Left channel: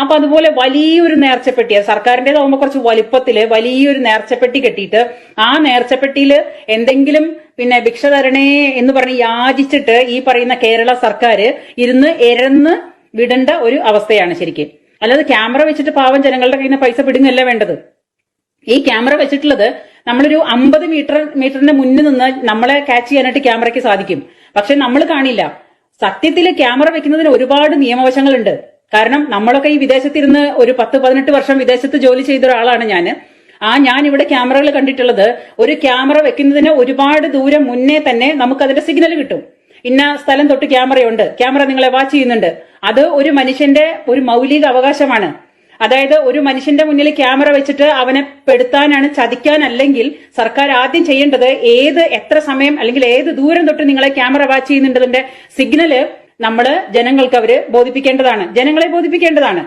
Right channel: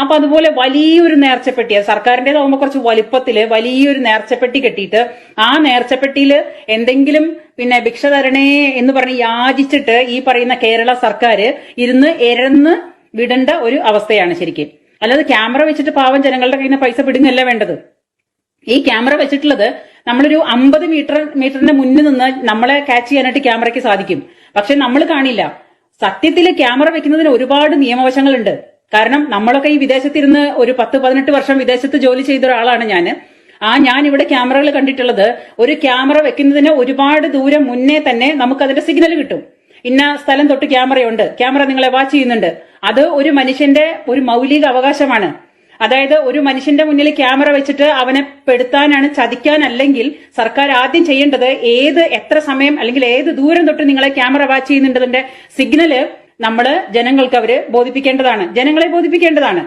അപ്പൊ അതുപോലെ വലിയൊരു നേർച്ചപ്പെട്ടി, സർക്കാരിന്റേതാവുമ്പോ കുറച്ച് വലിപ്പത്തില് വലിയൊരു നേർച്ചപ്പെട്ടി കെട്ടിയിട്ട് ആ നേർച്ചപ്പെട്ടിയില് എന്തെങ്കിലും പിന്നെ ഭിക്ഷ തരണേ എന്ന് പറഞ്ഞ് യാചിച്ചിട്ട് ഈ പറയുന്ന കേരള സർക്കാർ ഇരുന്ന് എരന്ന് വിടേണ്ട ഒരു അവസ്ഥയാണ് ശരിക്കും. അല്ലാതെ ക്യാമറ വെച്ചിട്ട് പാവം ജനങ്ങളുടെ കയ്യിൽ നിന്ന് പൈസ പിടുങ്ങല്ല വേണ്ടത്. ഈ ക്യാമറ വെച്ചിട്ടുള്ളത് നമ്മളൊരു 50 മീറ്ററിന്റെ മുന്നിൽ നിന്ന് നമ്മളെ ക്യാച്ച് ചെയ്യാനായിട്ട് ക്യാമറയ്ക്ക് സാധിക്കും. പക്ഷെ നമ്മൾ കാണില്ല. സത്യത്തില് ക്യാമറ വെക്കുന്നതിന് ഒരുപാട് നിയമവശങ്ങളുണ്ട്. കാരണം നമ്മളൊക്കെ ഈ വിദേശത്തിരുന്ന് ഒരു 10-18 വർഷം വിദേശത്ത് ജോലി ചെയ്ത ഒരാളാണ് ഞാൻ ഇവിടെ ക്യാമറകൾ കണ്ടിട്ടുള്ളത്. ഒരു ക്യാമറ വെക്കുന്നതിന് ഒരുപാട് ദൂരം മുന്നേ തന്നെ നമുക്ക് അതിന്റെ സിഗ്നൽ കിട്ടും. ഇന്ന സ്ഥലം തൊട്ട് ക്യാമറയുണ്ട്, ക്യാമറ നിങ്ങളെ വാച്ച് ചെയ്യുന്നുണ്ട്. അത് ഒരു മനുഷ്യന്റെ ഒരു മൗലിക അവകാശമാണ്. അതായത് ഒരു മനുഷ്യന്റെ മുന്നിൽ ക്യാമറ വെച്ചിട്ട് അവനെ പെടുത്താനാണ്, ചതിക്കാനല്ലെങ്കിൽ സർക്കാർ ആദ്യം ചെയ്യേണ്ടത് എത്ര സമയം അല്ലെങ്കിൽ ഏത് ദൂരം തൊട്ട് നിങ്ങളെ ക്യാമറ വാച്ച് ചെയ്യുന്നുണ്ടതിന്റെ സിഗ്നല് നമ്മള് ജനങ്ങളെ ബോധിപ്പിക്കേണ്ടതാണ്.